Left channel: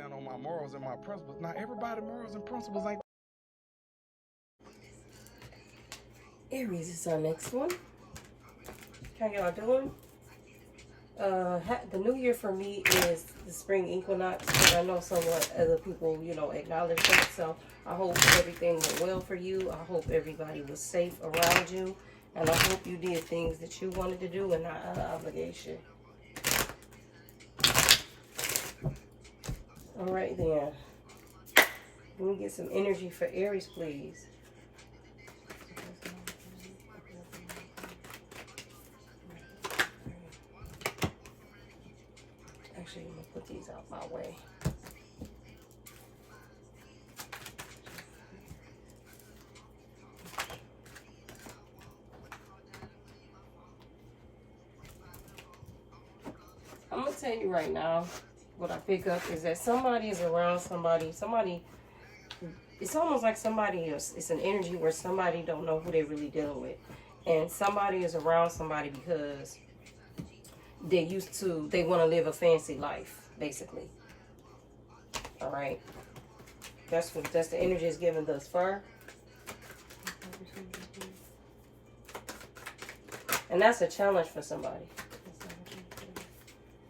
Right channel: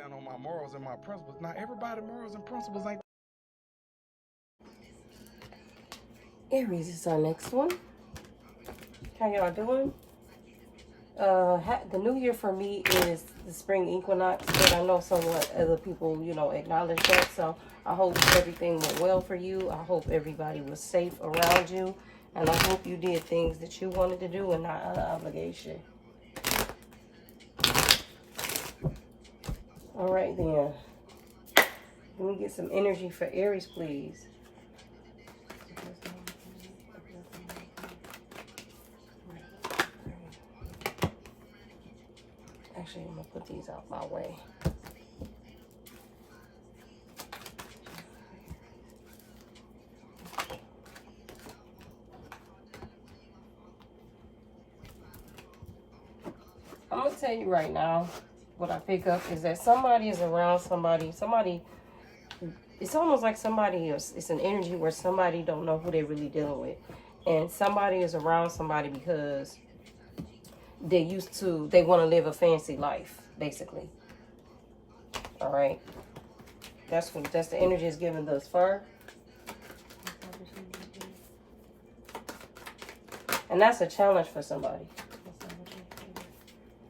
stand on my morals and my principles. Now, everybody morals and principles ain't. Aries is our next one. How y'all doing? The new year for me is the spring equinox, but I know somewhat other people, acknowledge that. So I hope everything went well for you. I hope everybody was safe around you. And I hope you did things that you wanted to do and not an obligation. All right, then. Let me get some energy for Aries, please. Actually, I'm going to put these out my way. I'm going to tell you right now, what I pick up is that somebody is around somebody, it's almost like somebody is, it's an energy where somebody don't know who they're really dealing with. And somebody is around somebody because they want to live a fancy life, basically. All right. That's the energy is given thus far. And that's a challenge for somebody.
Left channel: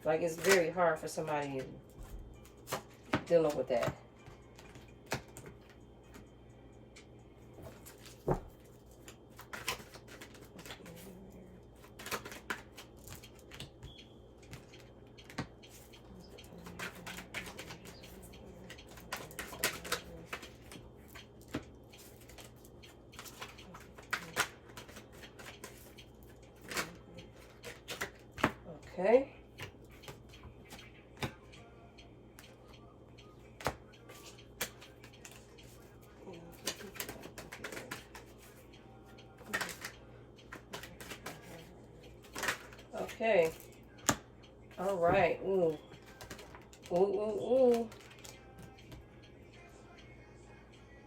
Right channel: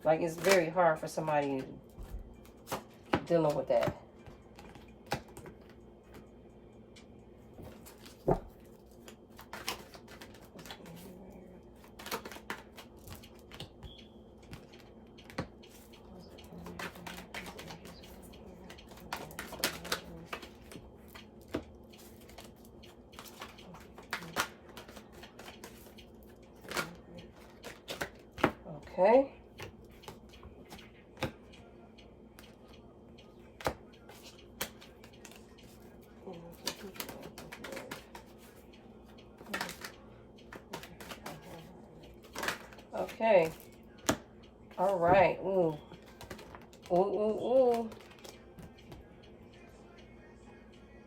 Like, it's very hard for somebody dealing with that. Okay. Okay. All right. Ooh. Ooh, ooh, ooh.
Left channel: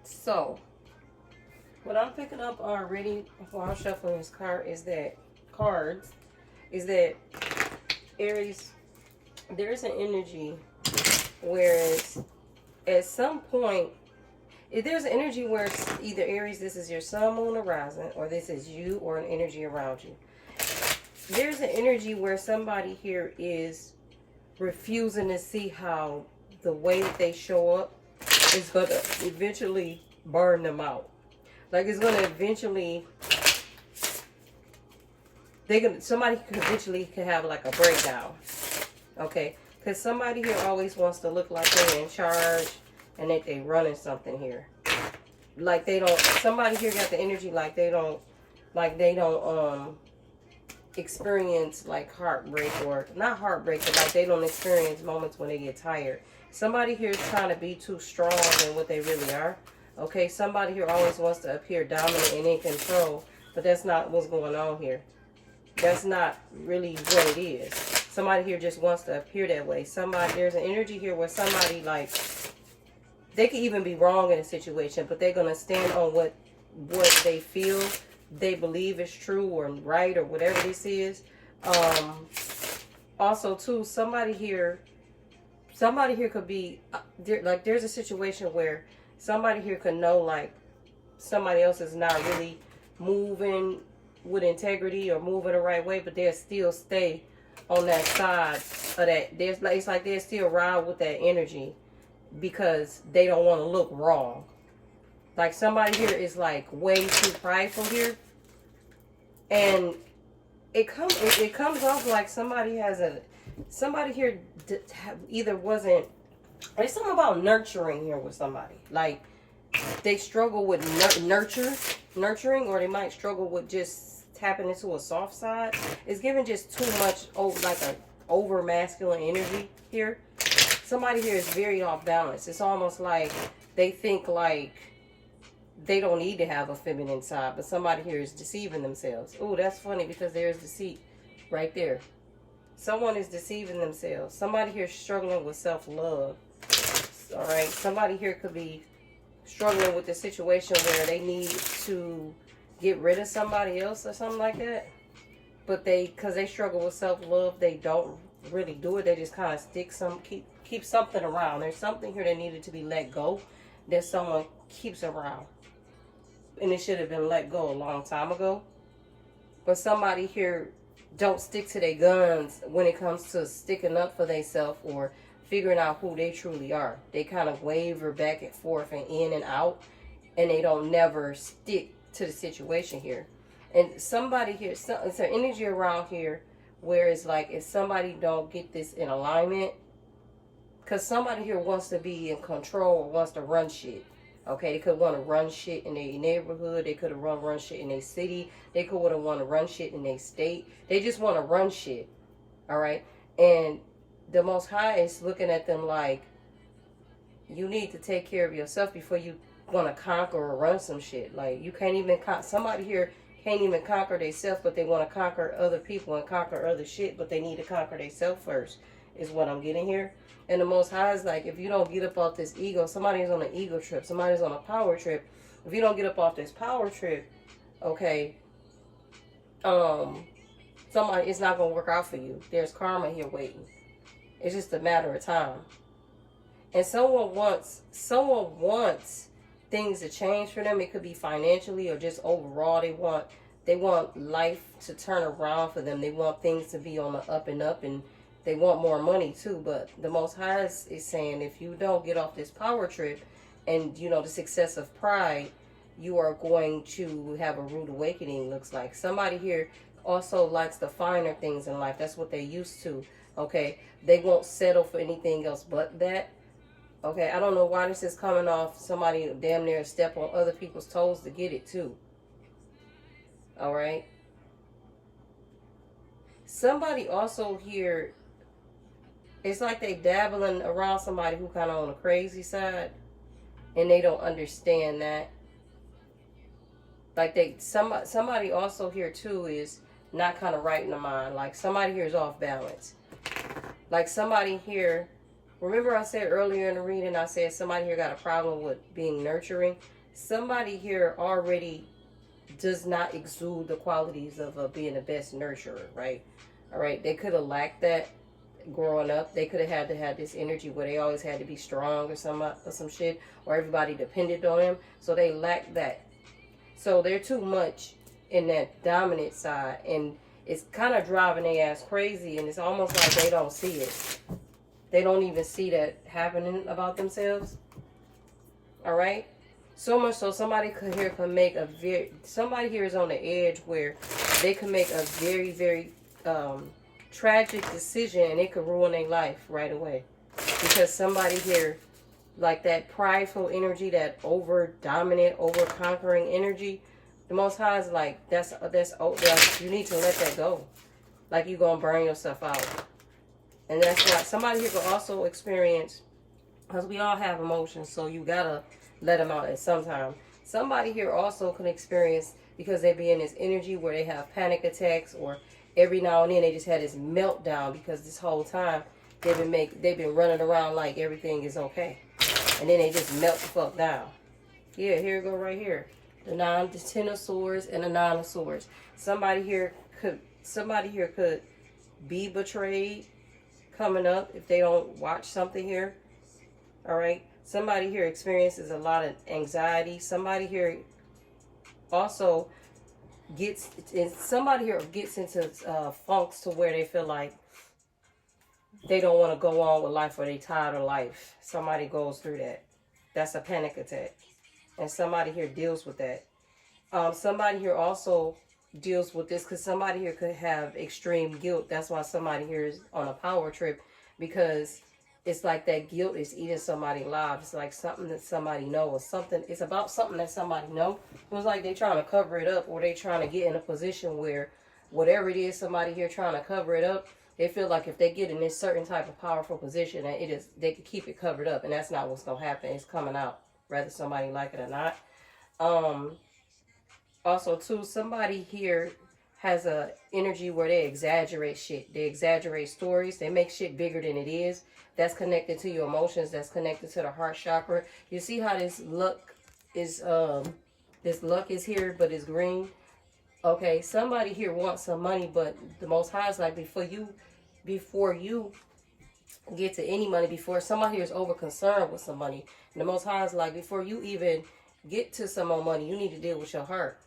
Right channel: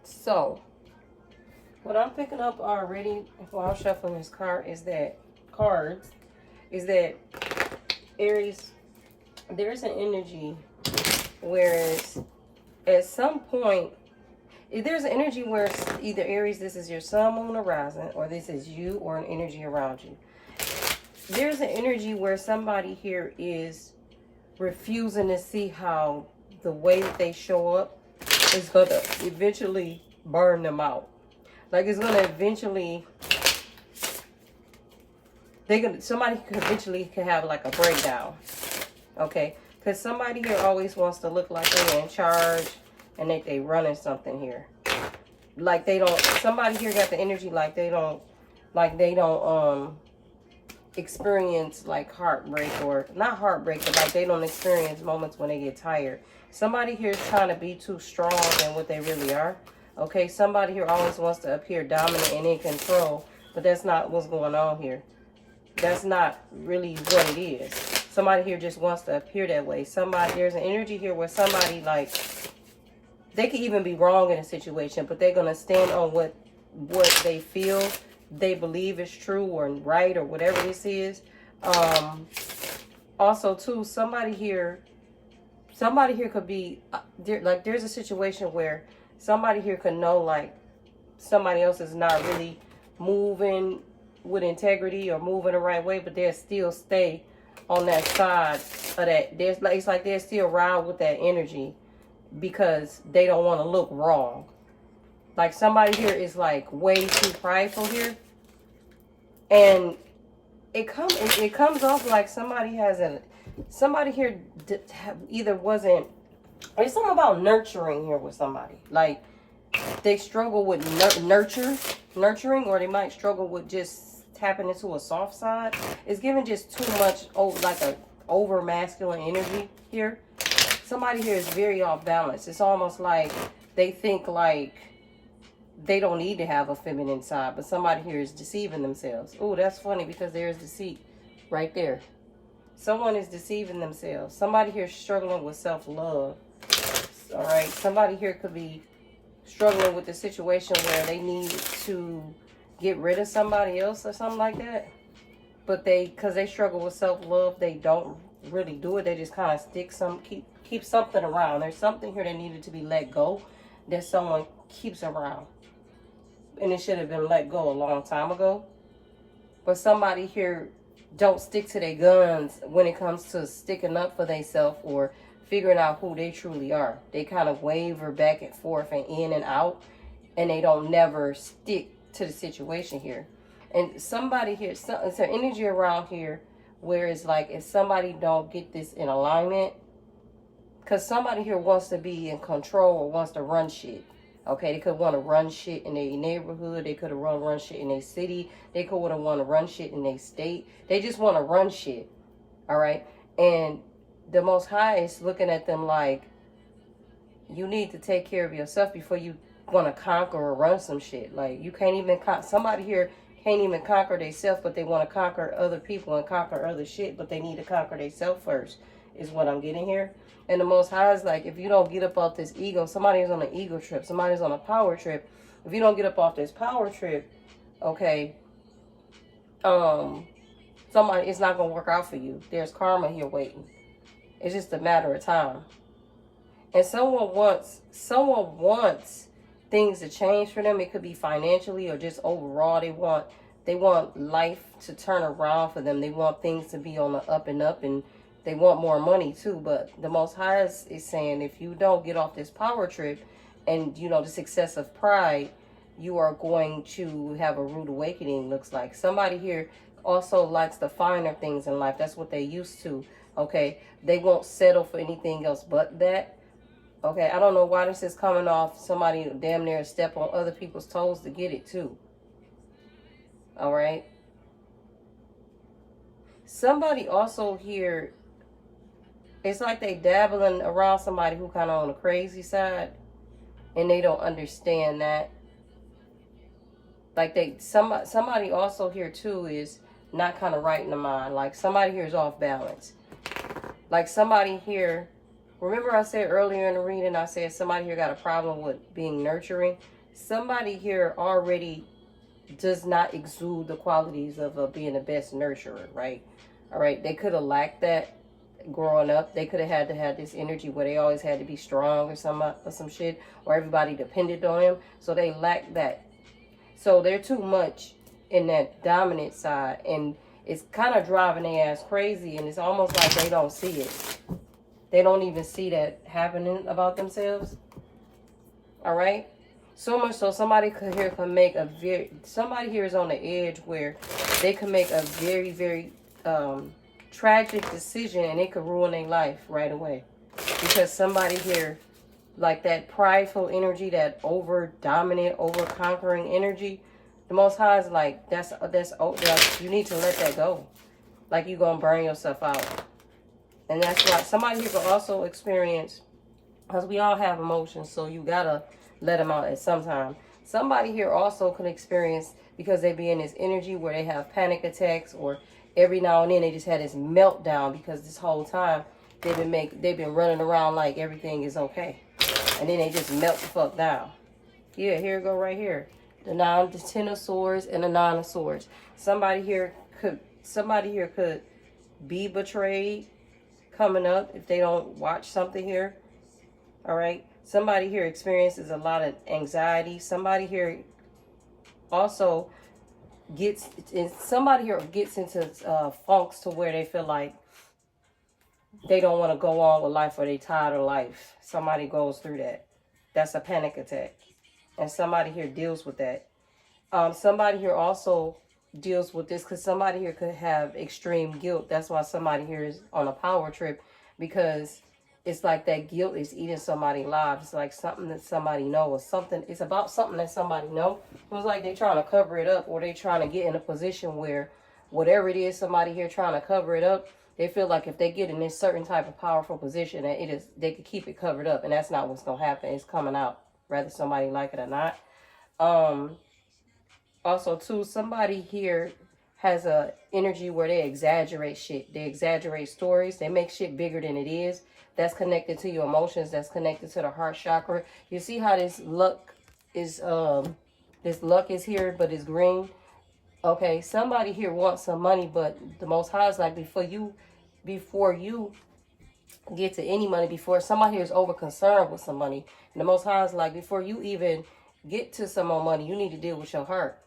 So, what I'm picking up already while I'm shuffling this card is that Aries, there's an energy where at some point, if there's an energy where it's either Aries, this is your sun, moon, or rising, or this is you or an energy around you. There's an energy where somebody here is refusing to see how the way that they show up is going to eventually burn them out. Like, it's going to eventually, somebody could eventually have like a breakdown. Okay? Because somebody here always wants to look like they're in charge and that they running something here. Like somebody here got the energy like they don't experience like heartbreak, or not heartbreak, but like they don't experience moments when they get tired. Somebody here is trying to be too strong than what they really are. Okay, somebody here always wants to appear dominant and in control, but that's not what's going on here. That's not really what it is. Somebody here just wants to appear that way. There's an energy here where somebody, like, they could even be wrong in a situation, but they're gonna stand on what they feel they believe is true or right or whatever this is. Also too, somebody here could be like, there's a situation where somebody here could know like somebody else is not really moving with integrity or moving the right way, but they'll still stay on that side of that. It's like they'll still ride with that energy because they don't want to look wrong. Like, somebody here is like way too prideful here, and it comes off like somebody here either wasn't. There's something about nurturing here with somebody. Like, they struggle with nurturing, or they might struggle with just tapping into a soft side. It's giving just too much like a over masculine energy here. Somebody here is very off balance. It's almost like they think like they don't need to have a feminine side, but somebody here is deceiving themselves. Oh, that's funny because there is deceit right there. Someone is deceiving themselves. Somebody here is struggling with self-love. All right. Somebody here could be struggling with the situation where they need to get rid of somebody else or something like that. But because they struggle with self-love, they don't really do it. They just kind of keep something around. There's something here that needed to be let go that someone keeps around. And it should have been let go a long time ago. But somebody here don't stick to their guns when it comes to sticking up for themselves or figuring out who they truly are. They kind of waver back and forth and in and out, and they don't never stick to the situation here. And somebody here, it's an energy around here where it's like if somebody don't get this in alignment, because somebody here wants to be in control or wants to run shit. Okay, they could want to run shit in their neighborhood. They could have run shit in their city. They could want to run shit in their state. They just want to run shit. All right, and the Most High is looking at them like, you need to take care of yourself before you want to conquer or run some shit. Like, you can't even somebody here can't even conquer themselves, but they want to conquer other people and conquer other shit, but they need to conquer themselves first, is what I'm getting here. And the Most High is like, if you don't get up off this ego, somebody's on an ego trip, somebody's on a power trip. If you don't get up off this power trip, okay, somebody, it's not gonna work out for you. There's karma here waiting. It's just a matter of time. And someone wants things to change for them. It could be financially or just overall. They want life to turn around for them. They want things to be on the up and up, and they want more money too. But the Most High is saying, if you don't get off this power trip and, you know, the success of pride, you are going to have a rude awakening, looks like. Somebody here also likes the finer things in life. That's what they used to, okay? They won't settle for anything else but that. Okay, I don't know why this is coming off somebody damn near step on other people's toes to get it too. All right. Somebody also here, it's like they dabbling around somebody who kind of on the crazy side, and they don't understand that. Like somebody also here too is not kind of right in the mind. Like somebody here is off balance. Like somebody here, remember I said earlier in the reading, I said somebody here got a problem with being nurturing. Somebody here already does not exude the qualities of being the best nurturer, right? All right, they could have lacked that growing up. They could have had to have this energy where they always had to be strong or some shit, or everybody depended on them. So they lacked that. So they're too much in that dominant side, and it's kind of driving their ass crazy, and it's almost like they don't see it. They don't even see that happening about themselves. All right? So much so somebody here can make somebody here is on the edge where they can make a very, very tragic decision, and it could ruin their life right away. Because somebody here, like that prideful energy, that over-dominant, over-conquering energy, the Most High is like, that's you need to let that go. Like you're going to burn yourself out. And that's why somebody here could also experience, because we all have emotions, so you got to let them out at some time. Somebody here also can experience, because they be in this energy where they have panic attacks, or every now and then they just had this meltdown because this whole time they've been running around like everything is okay. And then they just melt the fuck down. Yeah, here we go right here. The Ten of Swords and the Nine of Swords. Somebody here could be betrayed coming up if they don't watch something here. All right. Somebody here experiences a lot of anxiety. Somebody here also gets into funks to where they feel like they don't want to go on with life, or they tired of life. Somebody goes through that. That's a panic attack. And somebody here deals with that. Somebody here also deals with this because somebody here could have extreme guilt. That's why somebody here is on a power trip, because it's like that guilt is eating somebody's lives. It's like something that somebody knows. It's about something that somebody knows. It's like they're trying to cover it up, or they're trying to get in a position where whatever it is, somebody here trying to cover it up, they feel like if they get in this certain type of powerful position, that they could keep it covered up, and that's not what's gonna happen. It's coming out, whether somebody like it or not. Also, too, somebody here has a energy where they exaggerate shit. They exaggerate stories. They make shit bigger than it is. That's connected to your emotions. That's connected to the heart chakra. You see how this luck is here, but it's green. Okay, somebody here wants some money, but the Most High is like, before you get to any money before somebody here is over concerned with some money. And the Most High is like, before you even get to some more money, you need to deal with your heart.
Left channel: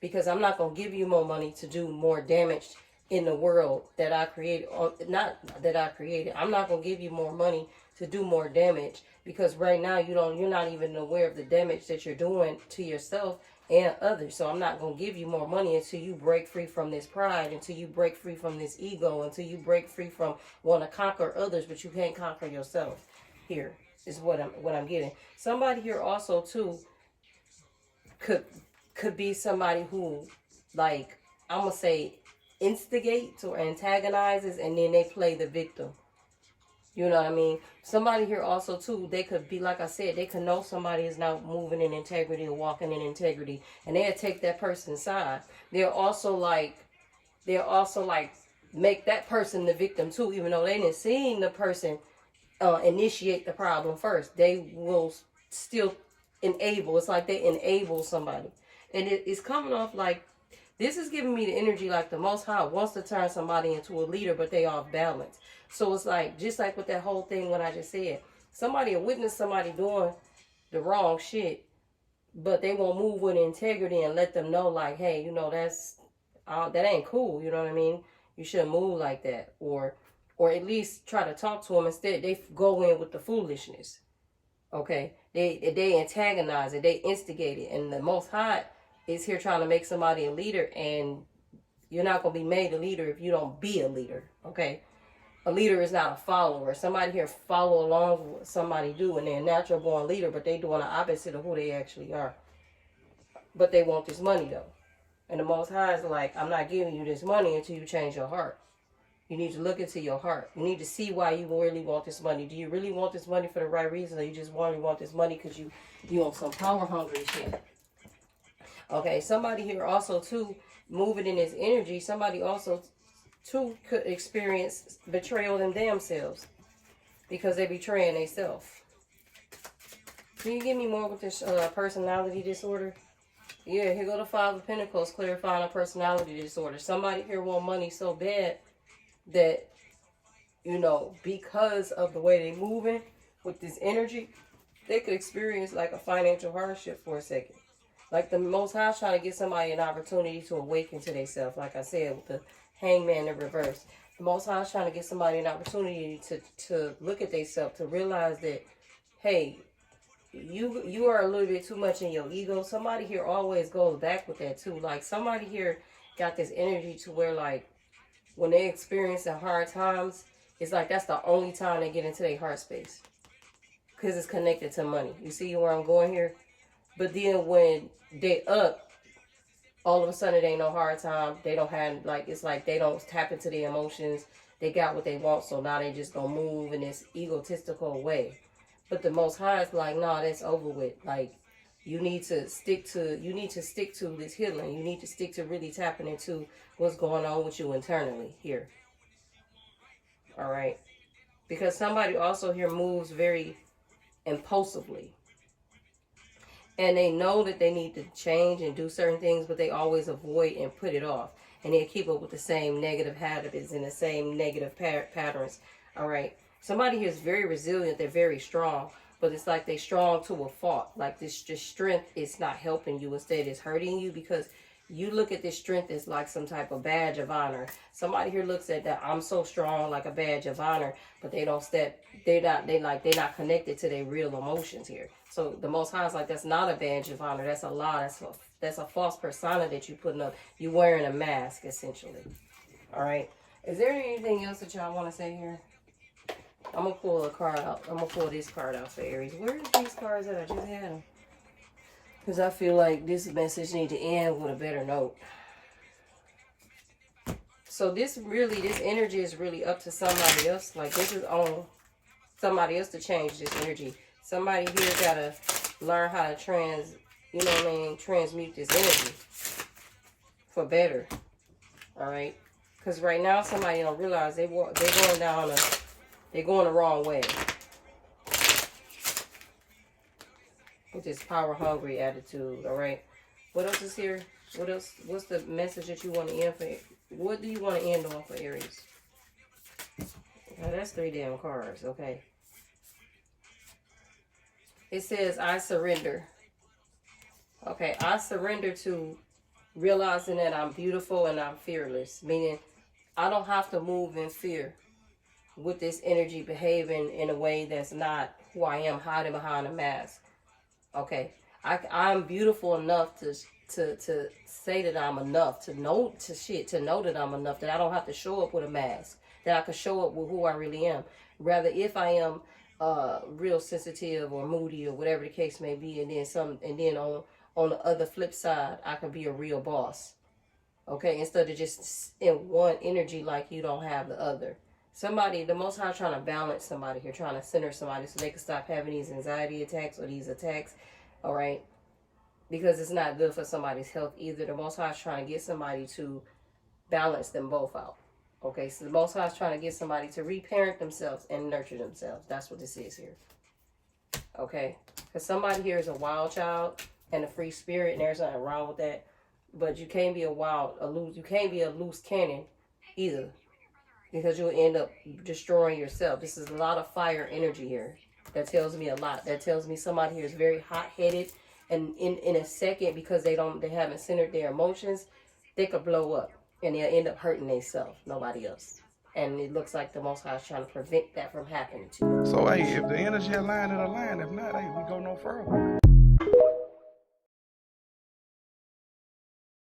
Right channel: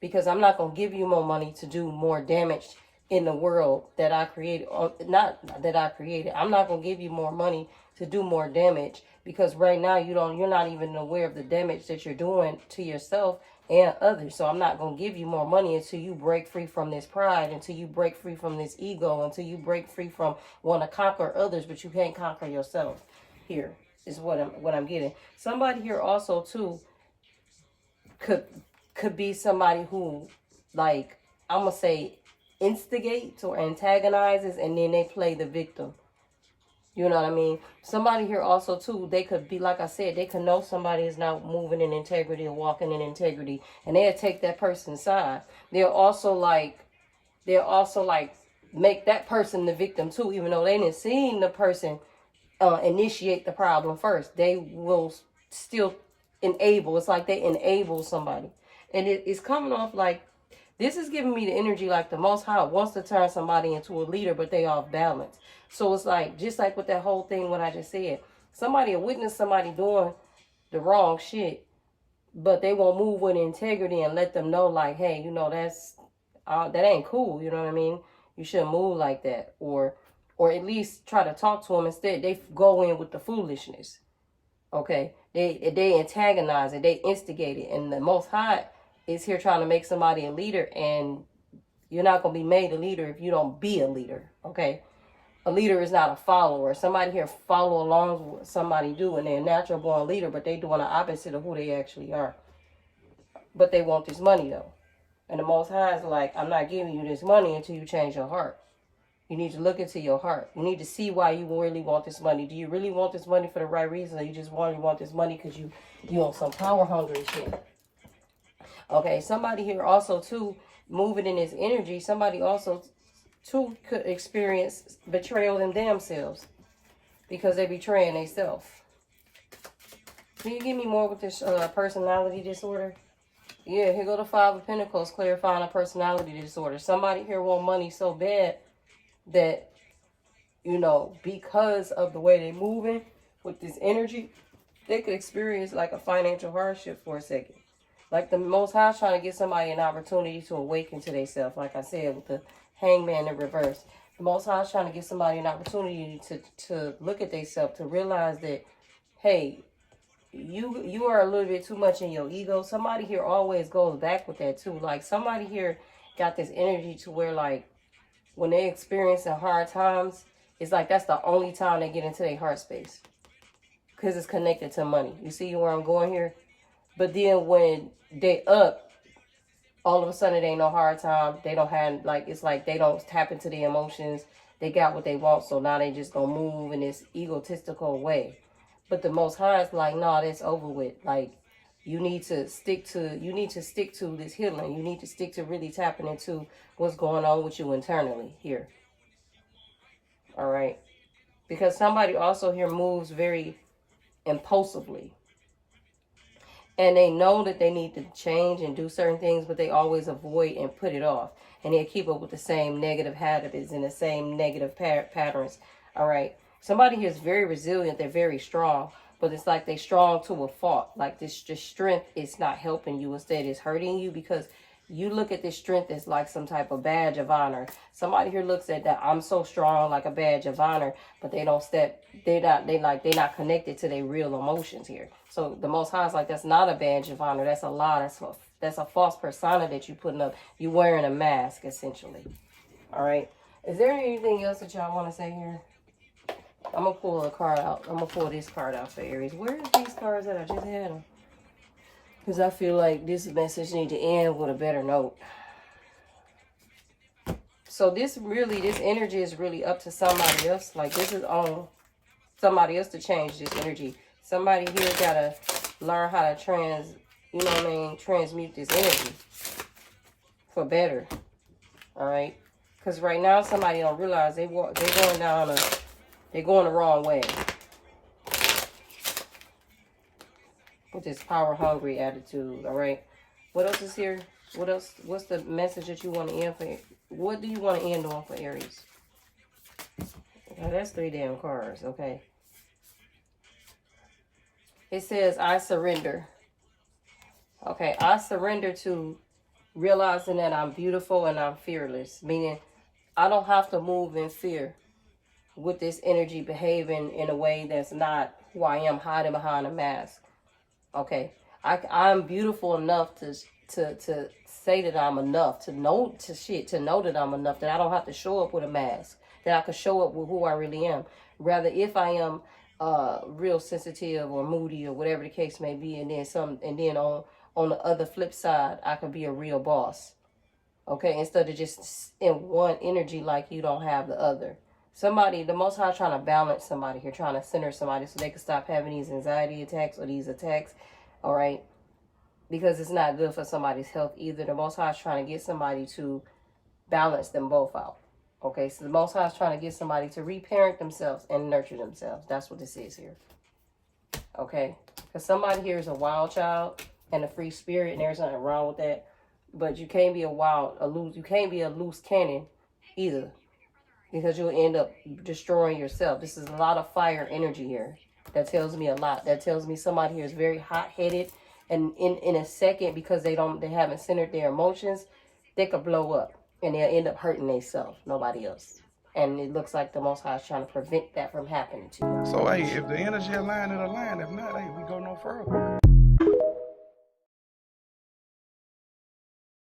Because I'm not going to give you more money to do more damage in the world that I created. Not that I created. I'm not going to give you more money to do more damage. Because right now you're not even aware of the damage that you're doing to yourself and others. So I'm not going to give you more money until you break free from this pride, until you break free from this ego, until you break free from wanting to conquer others, but you can't conquer yourself. Here is what I'm getting. Somebody here also too could be somebody who, like, I'm gonna say instigates or antagonizes, and then they play the victim. You know what I mean? Somebody here also too, they could be, like I said, they could know somebody is not moving in integrity or walking in integrity, and they'll take that person's side. They'll also like make that person the victim too, even though they didn't see the person initiate the problem first. They will still enable. It's like they enable somebody, and it's coming off like this is giving me the energy like the Most High wants to turn somebody into a leader, but they off balance. So it's like, just like with that whole thing, what I just said, somebody will witness somebody doing the wrong shit, but they won't move with integrity and let them know, like, hey, you know, that ain't cool. You know what I mean? You shouldn't move like that, or at least try to talk to them. Instead, they go in with the foolishness. Okay, they antagonize it, they instigate it, and the Most High is here trying to make somebody a leader, and you're not gonna be made a leader if you don't be a leader. Okay. A leader is not a follower. Somebody here follow along with what somebody do, and they're a natural born leader, but they doing the opposite of who they actually are. But they want this money though. And the Most High is like, I'm not giving you this money until you change your heart. You need to look into your heart. You need to see why you really want this money. Do you really want this money for the right reason, or you just want this money because you want some power hungry shit? Okay, somebody here also too, moving in this energy, somebody also too could experience betrayal in themselves because they betraying themselves. Can you give me more with this personality disorder? Yeah, here go the Five of Pentacles, clarifying a personality disorder. Somebody here want money so bad that, you know, because of the way they moving with this energy, they could experience like a financial hardship for a second. Like the Most High trying to get somebody an opportunity to awaken to themselves. Like I said, with the Hangman in reverse. The Most High is trying to give somebody an opportunity to look at themselves, to realize that, hey, you are a little bit too much in your ego. Somebody here always goes back with that too. Like somebody here got this energy to where, like, when they experience hard times, it's like that's the only time they get into their heart space. Because it's connected to money. You see where I'm going here? But then when they up, all of a sudden it ain't no hard time. They don't have, like, it's like they don't tap into their emotions. They got what they want, so now they just gonna move in this egotistical way. But the Most High is like, nah, that's over with. Like, you need to stick to this healing. You need to stick to really tapping into what's going on with you internally here. All right. Because somebody also here moves very impulsively. And they know that they need to change and do certain things, but they always avoid and put it off. And they keep up with the same negative habits and the same negative patterns. All right. Somebody here is very resilient. They're very strong. But it's like they're strong to a fault. Like this strength is not helping you. Instead, it's hurting you, because you look at this strength as like some type of badge of honor. Somebody here looks at that, I'm so strong, like a badge of honor, but they don't step, they're not connected to their real emotions here. So the Most High is like, that's not a badge of honor. That's a lie. That's a false persona that you're putting up. You're wearing a mask, essentially. All right. Is there anything else that y'all want to say here? I'm going to pull a card out. I'm going to pull this card out for Aries. Where are these cards that I just had them? Because I feel like this message needs to end with a better note. So this energy is really up to somebody else. Like, this is on somebody else to change this energy. Somebody here got to learn how to transmute this energy for better. All right? Because right now, somebody don't realize they're going the wrong way. With this power hungry attitude. All right. What else is here? What else? What's the message that you want to end for? What do you want to end on for Aries? Oh, that's 3 damn cards. Okay. It says, I surrender. Okay, I surrender to realizing that I'm beautiful and I'm fearless. Meaning, I don't have to move in fear with this energy behaving in a way that's not who I am, hiding behind a mask. Okay, I'm beautiful enough to say that I'm enough, to know that I'm enough, that I don't have to show up with a mask, that I could show up with who I really am. Rather, if I am real sensitive or moody or whatever the case may be, and then on the other flip side, I can be a real boss. Okay, instead of just in one energy like you don't have the other. The Most High trying to balance somebody here, trying to center somebody so they can stop having these anxiety attacks or these attacks, all right? Because it's not good for somebody's health either. The Most High is trying to get somebody to balance them both out, okay? So the Most High is trying to get somebody to reparent themselves and nurture themselves. That's what this is here, okay? Because somebody here is a wild child and a free spirit, and there's nothing wrong with that. But you can't be you can't be a loose cannon either, because you'll end up destroying yourself. This is a lot of fire energy here. That tells me a lot. That tells me somebody here is very hot-headed, and in a second, because they haven't centered their emotions, they could blow up and they'll end up hurting themselves, nobody else. And it looks like the Most High is trying to prevent that from happening to you. So, hey, if the energy aligned, it aligned. If not, hey, we go no further.